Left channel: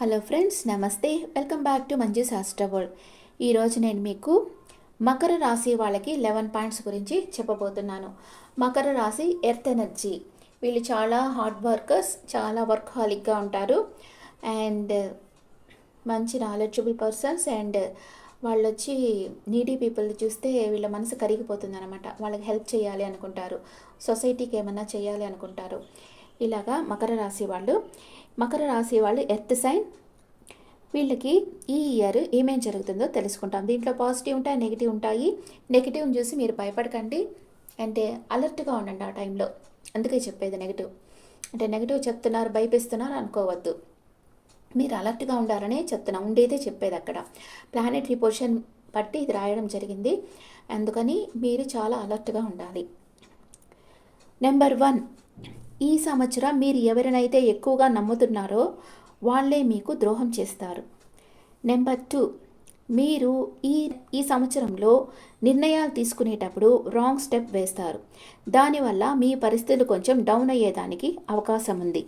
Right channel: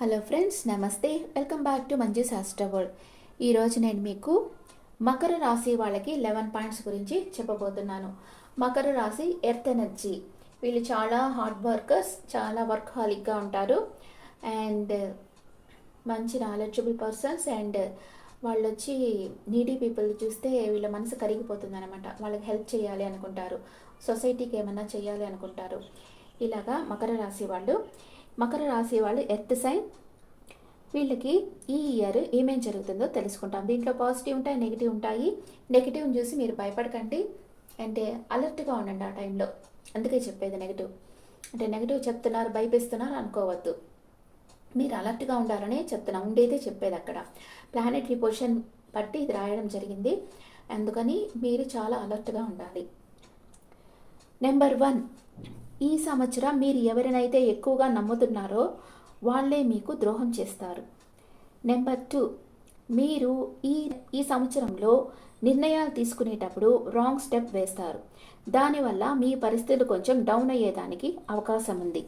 Hello friends, నమస్తే. Welcome back to Manju's astro world. ఈరోజు నేను మీకు మకర రాశి వాళ్ళకి 11 పాయింట్స్ గురించి చెప్పబోతున్నాను. మకర రాశి ఎర్త్ ఎనర్జీ. వీళ్ళు చాలా హార్డ్ వర్కర్స్, చాలా వర్క్ హాలిక్గా ఉంటారు అండ్ మంచి నాలెడ్జబుల్ పర్సన్స్. అండ్ వాళ్ళు వచ్చి నీడీ పీపుల్ చూస్తే వీళ్ళ మనసు కరిగిపోతుంది అనమాట. వాళ్ళకి హెల్ప్ చేయాలి అనుకుంటారు, సొసైటీకి ఏమన్నా చేయాలి అనుకుంటారు. ఇలాగా మకర రాశి వాళ్ళు ఎర్త్ సైన్. వీళ్ళకి ఈ ఇయర్ ఏమేం జరుగుతుందో తెలుసుకుంటాం. దీంట్లో పాజిటివ్ ఉంటాయి, నెగిటివ్ ఉంటాయి. నెగిటివ్ని చూసి మీరు భయపడకండి, అంటే అలర్ట్గా ఉండండి ఆ టైంలో. అందుకే చెప్పేది నెగిటివ్ అంటే నెగిటివ్ చెప్తున్నారు, భయపిస్తున్నారు అనుకోవద్దు. మీరు అలర్ట్గా ఉండాలనే చెప్తున్నా, ఉండేదే చెప్పేది. అక్కడ ప్లానెటరీ పొజిషన్ బట్టి ఇది రాయడం జరిగింది, అందుకని మీరు చాలా అలర్ట్గా ఉండాలి. నెంబర్ 1, ఈ సంవత్సరం మీరు ఎవరినైతే ఎక్కువగా నమ్ముతున్నారో వాళ్ళే మీకు ద్రోహం చేస్తారు. నెంబర్ 2, మీరు ఈ సంవత్సరంలో నిర్ణయాలు తీసుకునేటప్పుడు రాంగ్ స్టెప్ వేస్తారు. దానివల్ల మీ పరిస్థితులు కొంచెం డౌన్ అయ్యేదానికి అవకాశం ఉంది.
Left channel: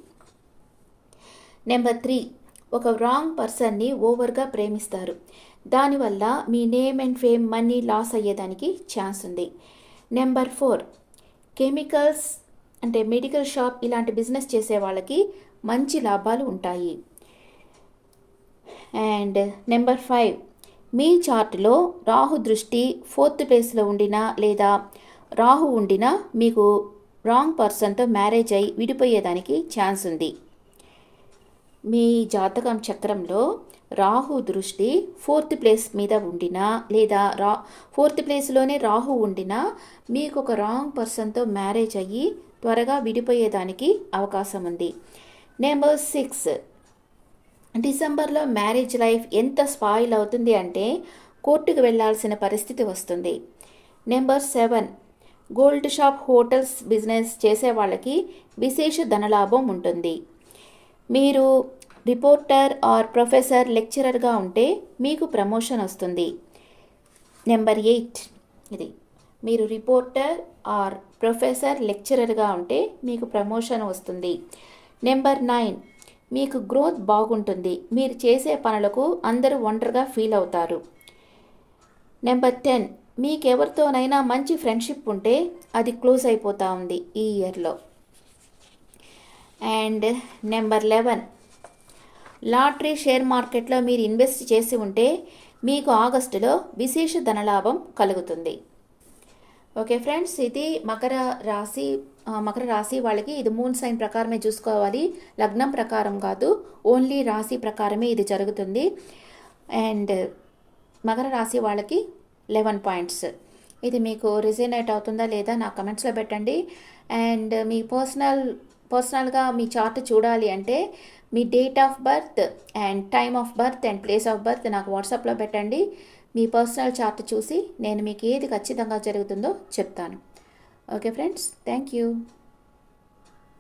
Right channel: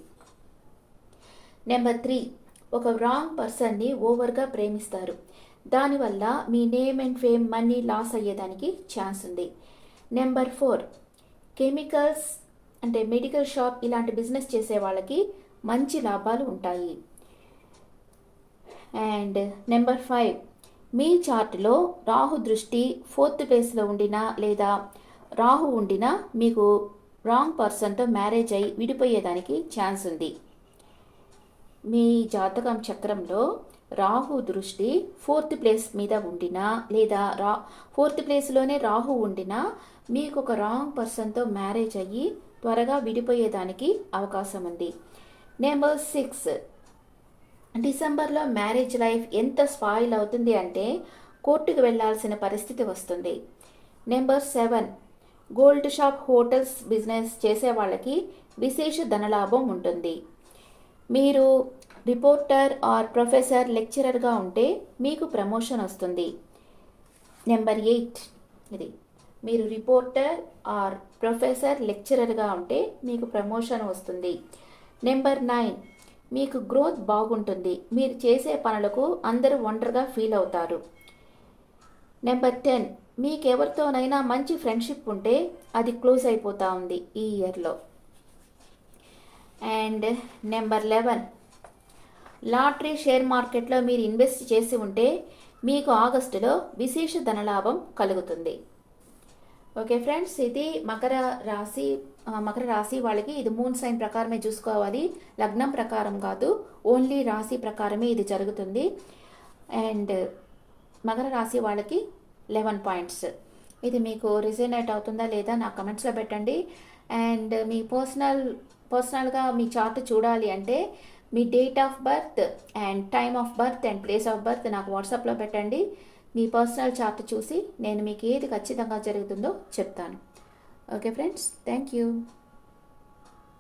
నెంబర్ 3, ఒక రాంగ్ పర్సన్ని ఓవర్గా ప్రేమిస్తారు. దానివల్ల మీ name and fame, money loss అయ్యేదానికి ఛాన్స్ ఉంది. నెంబర్ 4, కెమికల్స్ అంటే మెడికల్ షాప్ ఇలాంటి బిజినెస్ చేసే వాళ్ళకి మంచి లాభాలు ఉంటాయి. అండ్ నెంబర్ 5, మీ చార్ట్లో రాహు దృష్టి 4th ప్లేస్లో ఉండినా లేదా రాహు ఉండినా మీకు రాంగ్ పర్సన్తో మ్యారేజ్ అయి విడిపోయేదానికి ఛాన్స్ ఉంది. మీ జాతకం చక్రంలో రాహు దృష్టి 4th ప్లేస్ మీద ఉండినా లేదా 4th ప్లేస్లోనే రాహు ఉండినా మీకు ఒక రాంగ్ పర్సన్తో మ్యారేజ్ అయ్యి త్వరగా విడిపోయేదానికి అవకాశం ఉంది. నెంబర్ 6, డిసెంబర్లో మ్యారేజ్ లైఫ్ ఎంత స్పాయిల్ అవుతుంది అంటే కోర్టుకు వెళ్లాల్సిన పరిస్థితి వస్తుంది. Number 7, gold shop, hotels business చేసే వాళ్ళకి విశేష ధనలాభం ఉంటుంది. మీరు రిపోర్టర్ ఆర్ ప్రొఫెసర్, లెక్చరర్గా ఉంటే మీకు ప్రమోషన్ వస్తుంది. నెంబర్ 8, ఇది మీరు రిపోర్టర్ ఆర్ ప్రొఫెసర్, లెక్చరర్గా ఉంటే మీకు ప్రమోషన్ వస్తుంది. నెంబర్ 9, మీకు గ్రోత్ బాగుంటుంది. మీరు చేసే పనులకు అందరూ ఒంటరిగా ఫీల్ అవుతారు. నెంబర్ 10, మీకెవరితోనైనా మంచి ఫ్రెండ్షిప్ ఉంటే అది క్లోజ్ అయిపోతూ ఉంది ఈ ఇయర్లో. అండ్ నెంబర్ 11, లాటరీ, షేర్ మార్కెట్లో మీరు ఇన్వెస్ట్ చేసి ఉంటే మీకు ఆగస్టులో విశేష ధనలాభం కలుగుతుంది. ఓకే ఫ్రెండ్స్, ఇది మకర రాశి వాళ్ళకి ఇది మూన్ సైన్ ప్రకారమే చూసుకోవాలి, లగ్నం ప్రకారం కాదు. ఓన్లీ రాశి ప్రకారమే ఇది జరుగుతుంది. అండ్ మకర రాశి వాళ్ళకి 11 పాయింట్స్. ఇది మీకు రిజనేట్ అవుతుందా లేదా నాకు కమెంట్స్లో పెట్టండి. అండ్ మీ పర్సనల్గా మీ చార్ట్ చూడాలి అంటే మీ date of birth and time of birth and place of birth నాకు వాట్సాప్లో పెట్టండి. మీ పర్సనల్ చార్ట్ చూసి నేను మీకు ఏది ఖచ్చితంగా జరుగుతుందో చెప్తాను. Okay friends, thank you.